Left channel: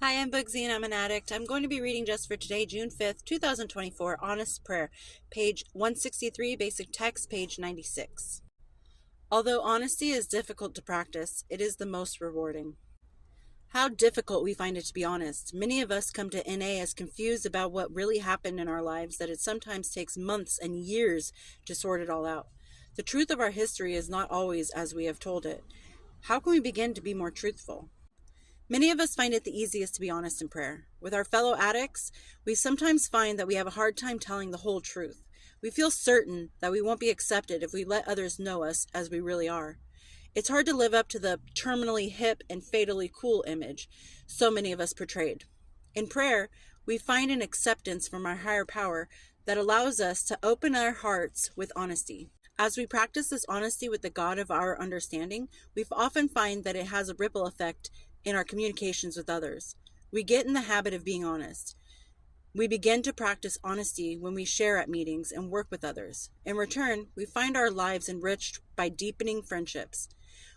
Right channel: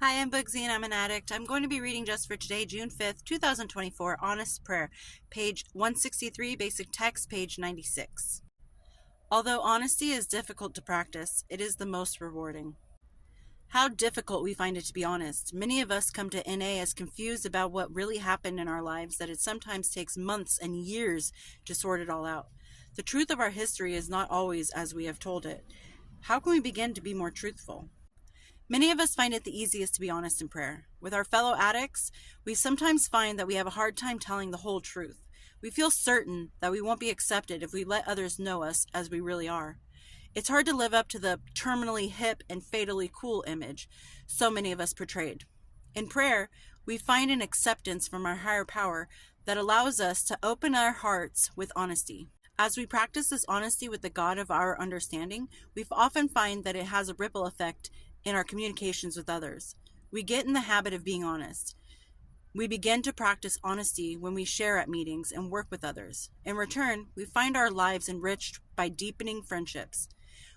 Hi, I'm Bugsy and I'm an addict. I'm going to be reading just for today, June 5th, 2024, Honest Prayer, page 163, basic text, page 96. Although honesty is difficult to practice, it is the most rewarding. How difficult we find it to be honest. Many of us come to NA as confused about what really happened in our lives that it sometimes takes months and years to sort it all out. The truth of our history is not always as we have told it. How can we begin to be more truthful? Many of us find it the easiest to be honest in prayer. With our fellow addicts, we sometimes find that we have a hard time telling the whole truth. We feel certain that we won't be accepted if we let others know us as we really are. It's hard to live up to the terminally hip and fatally cool image so many of us portrayed. In prayer, we find an acceptance from our higher power that allows us to open our hearts with honesty. As we practice this honesty with the God of our understanding, we often find that it has a ripple effect in our communications with others. We get in the habit of being honest. We begin to practice honesty when we share at meetings and work with others. In return, we find our lives enriched by deepening friendships.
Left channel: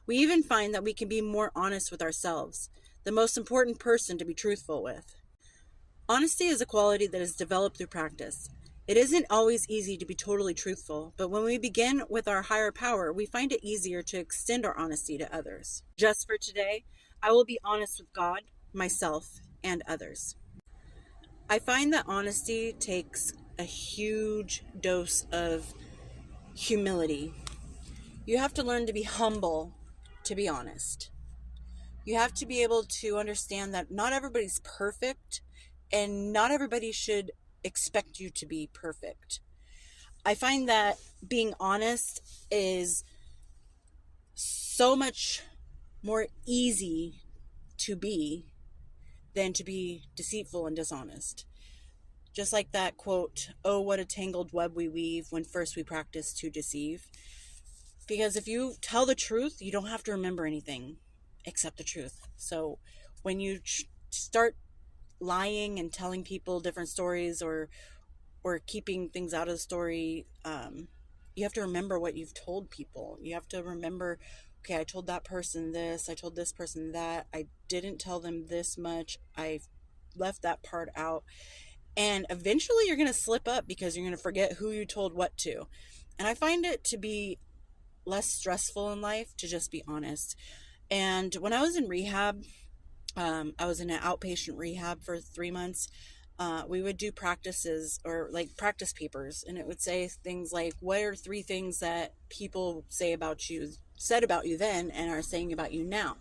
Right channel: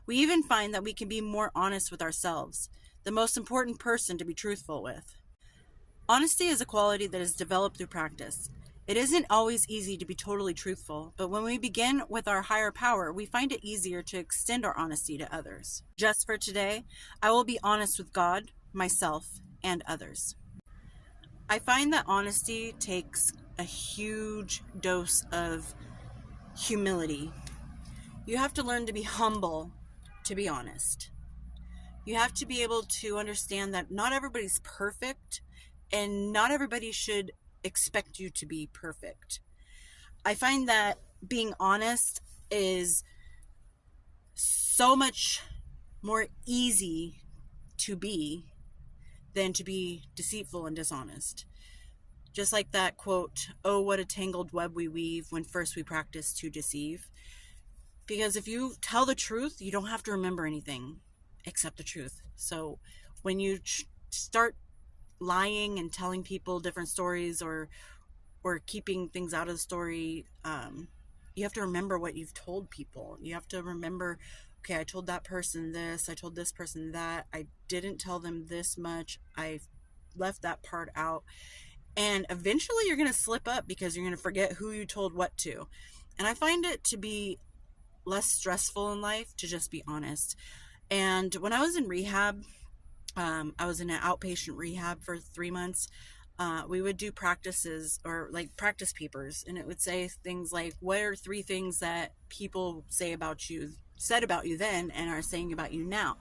We even find that we can be more honest with ourselves, the most important person to be truthful with. Honesty is a quality that is developed through practice. It isn't always easy to be totally truthful, but when we begin with our higher power, we find it easier to extend our honesty to others. Just for today, I will be honest with God, myself, and others. I find that honesty takes a huge dose of humility. You have to learn to be humble to be honest. You have to be able to understand that not everybody's perfect and not everybody should expect you to be perfect. I find that being honest is so much more easy to be than to be deceitful and dishonest. Just like that quote, "Oh, what a tangled web we weave when first we practice to deceive." Because if you tell the truth, you don't have to remember anything except the truth. So when you start lying and telling people different stories or keeping things out of the story, you have to remember what you've told people. You have to remember, okay, I told that person this, I told this person that, I didn't tell them this much, I left that part out. And eventually you're going to slip up because you're going to forget who you told what to. And I find it to be less stressful in life to just be honest. And when I was in rehab, I was in an outpatient rehab for 3 months. We would do practices or like practice papers, and it would say things like, what are 3 things that people said about you then and are saying about you now?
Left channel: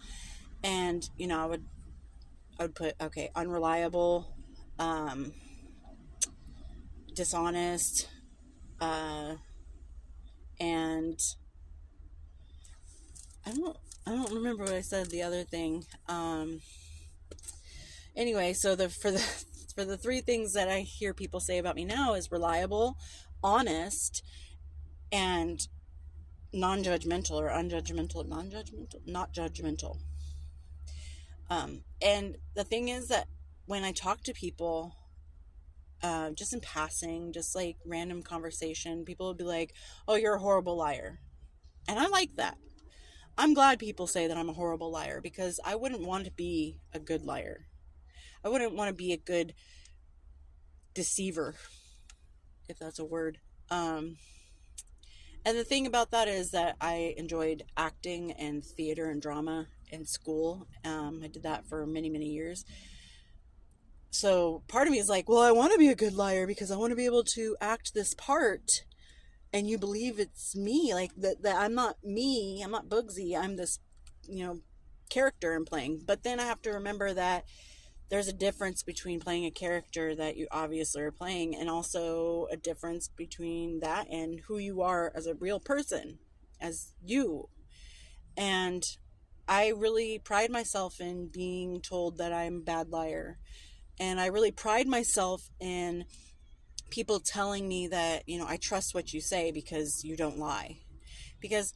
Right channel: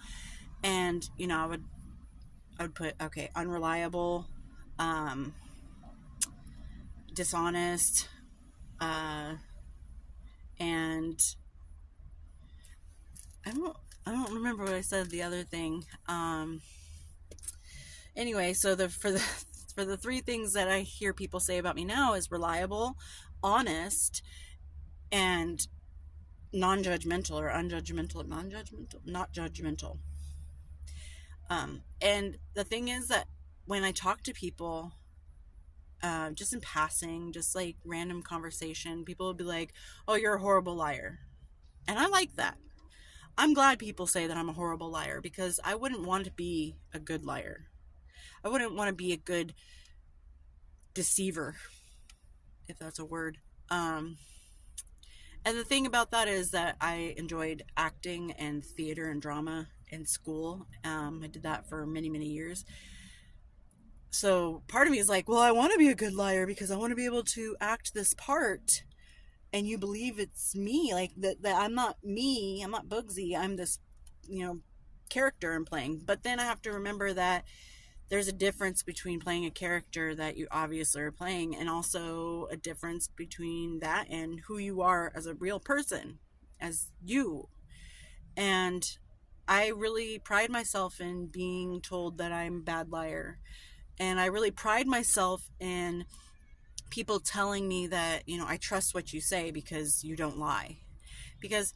And I would put, okay, unreliable, um, dishonest, uh, and I don't I don't remember what I said the other thing. Anyway, so for the 3 things that I hear people say about me now is reliable, honest, and non-judgmental or unjudgmental, non-judgmental, not judgmental. And the thing is that when I talk to people, just in passing, just like random conversation, people would be like, "Oh, you're a horrible liar," and I like that. I'm glad people say that I'm a horrible liar because I wouldn't want to be a good liar. I wouldn't want to be a good deceiver, if that's a word. Um, and the thing about that is that I enjoyed acting and theater and drama in school. I did that for many, many years. So part of me is like, well, I want to be a good liar because I want to be able to act this part and you believe it's me. Like that I'm not me, I'm not Bugsy, I'm this, you know, character I'm playing. But then I have to remember that there's a difference between playing a character that you obviously are playing and also a difference between that and who you are as a real person, as you. And I really pride myself in being told that I'm a bad liar. And I really pride myself in people telling me that, I trust what you say because you don't lie. Because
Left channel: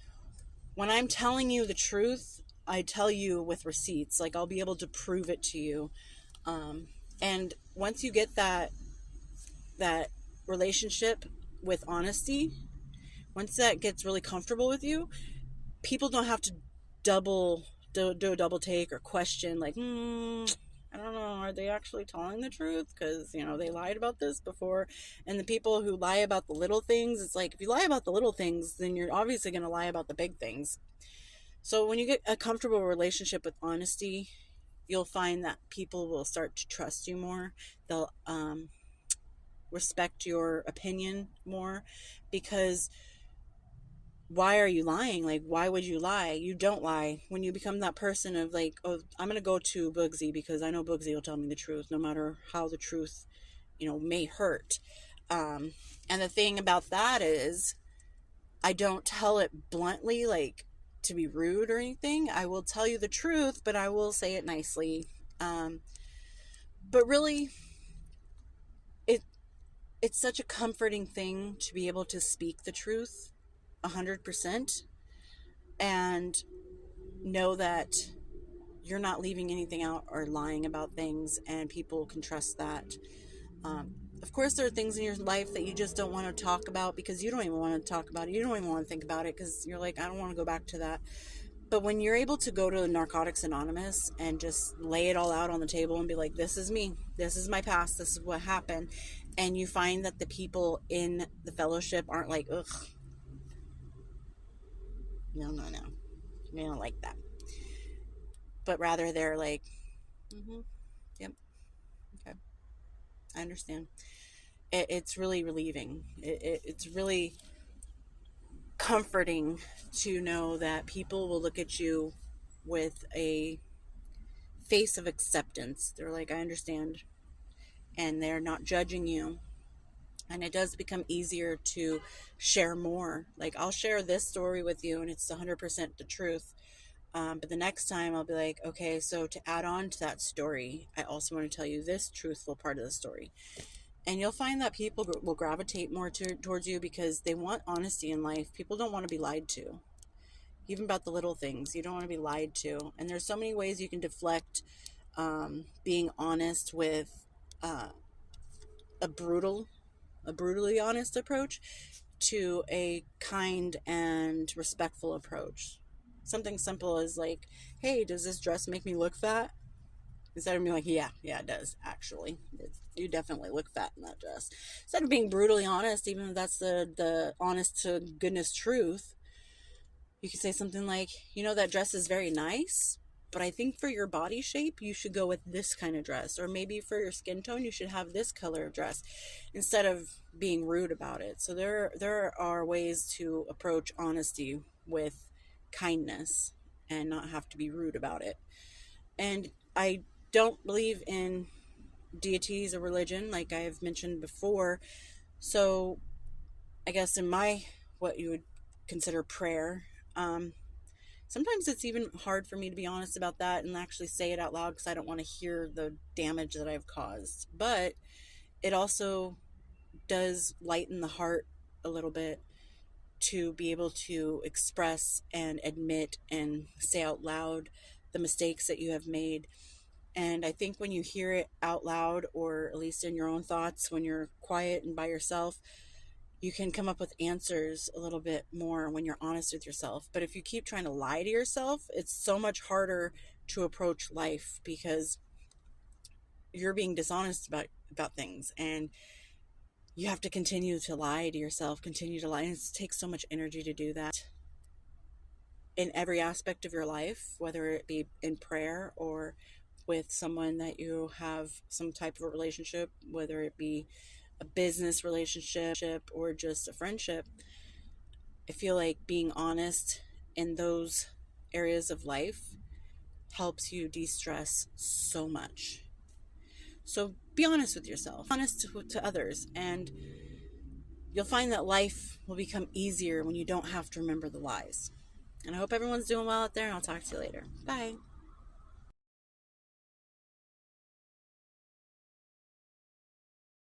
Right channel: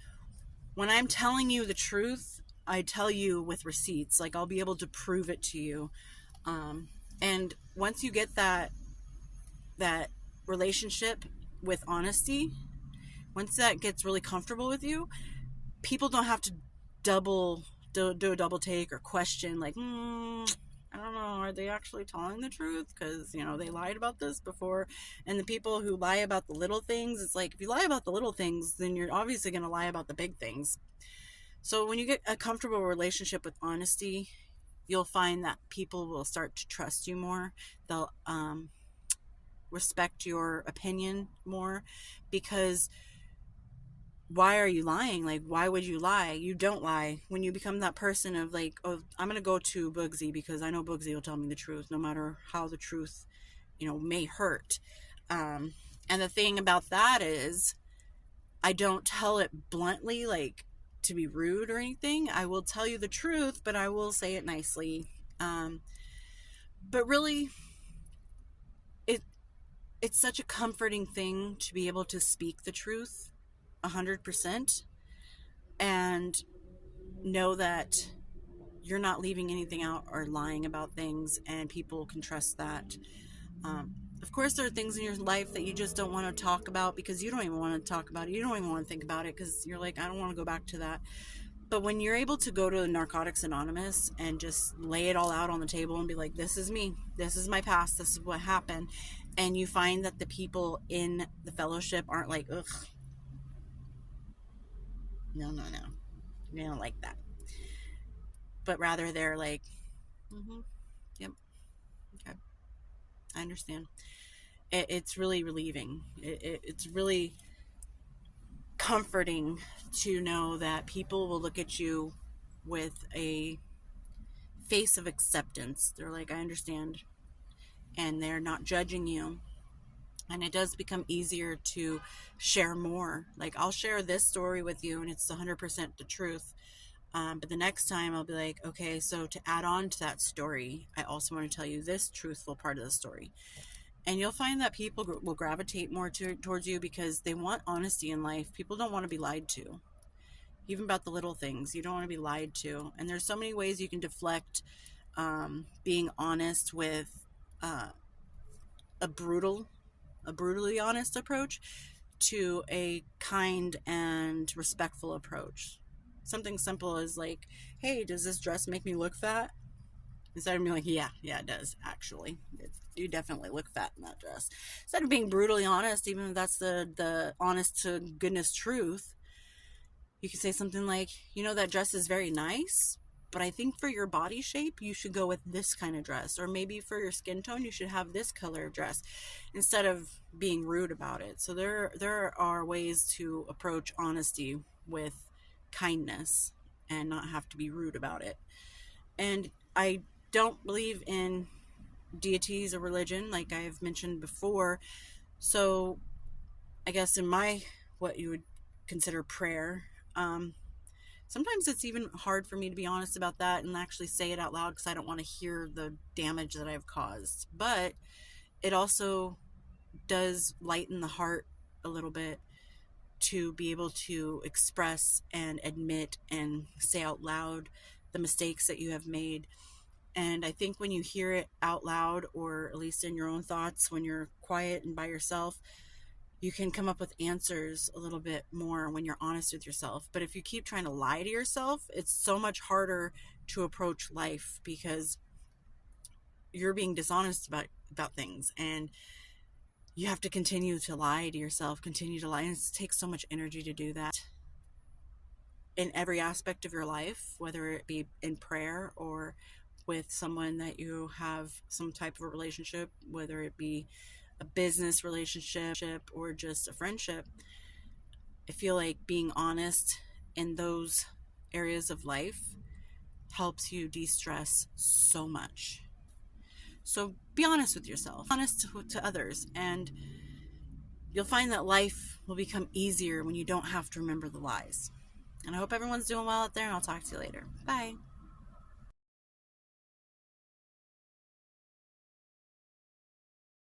when I'm telling you the truth, I tell you with receipts. Like I'll be able to prove it to you. And once you get that relationship with honesty, once that gets really comfortable with you, people don't have to do a double take or question like, I don't know, they actually telling the truth? Because, they lied about this before. And the people who lie about the little things, it's like, if you lie about the little things, then you're obviously going to lie about the big things. So when you get a comfortable relationship with honesty, you'll find that people will start to trust you more. They'll respect your opinion more, because why are you lying? Like, why would you lie? You don't lie. When you become that person of like, oh, I'm going to go to Boogsy because I know Boogsy will tell me the truth, no matter how the truth, may hurt. And the thing about that is, I don't tell it bluntly, like to be rude or anything. I will tell you the truth, but I will say it nicely. But really, it's such a comforting thing to be able to speak the truth 100% and know that you're not leaving anything out or lying about things, and people can trust that. Of course, there are things in your life that you just don't want to talk about because you don't even want to talk about it. You don't even want to think about it because you're like, I don't want to go back to that. But when you're able to go to Narcotics Anonymous and just lay it all out on the table and be like, this is me, this is my past, this is what happened, and you find that the people in the fellowship aren't like, ugh, no, we don't like that. But rather they're like, yep, okay, I understand. It's really relieving. It's really comforting to know that people will look at you with a face of acceptance. They're like, I understand. And they're not judging you. And it does become easier to share more. Like, I'll share this story with you and it's 100% the truth. But the next time I'll be like, okay, so to add on to that story, I also want to tell you this truthful part of the story. And you'll find that people will gravitate more towards you because they want honesty in life. People don't want to be lied to. Even about the little things, you don't want to be lied to. And there's so many ways you can deflect being honest with a brutally honest approach to a kind and respectful approach. Something simple as like, hey, does this dress make me look fat? Instead of being like, yeah, it does, actually. You definitely look fat in that dress. Instead of being brutally honest, even if that's the honest to goodness truth, you could say something like, that dress is very nice, but I think for your body shape, you should go with this kind of dress. Or maybe for your skin tone, you should have this color of dress, instead of being rude about it. So there are ways to approach honesty with kindness and not have to be rude about it. And I don't believe in deities or religion, like I've mentioned before. So I guess in what you would consider prayer, sometimes it's even hard for me to be honest about that and actually say it out loud because I don't want to hear the damage that I've caused. But it also does lighten the heart a little bit to be able to express and admit and say out loud the mistakes that you have made. And I think when you hear it out loud, or at least in your own thoughts, when you're quiet and by yourself, you can come up with answers a little bit more when you're honest with yourself. But if you keep trying to lie to yourself, it's so much harder to approach life because you're being dishonest about things, and you have to continue to lie to yourself, continue to lie. And it takes so much energy to do that in every aspect of your life, whether it be in prayer or with someone that you have some type of a relationship, whether it be a business relationship or just a friendship. I feel like being honest in those areas of life helps you de-stress so much. So be honest with yourself, honest to others, and you'll find that life will become easier when you don't have to remember the lies. And I hope everyone's doing well out there, and I'll talk to you later. Bye.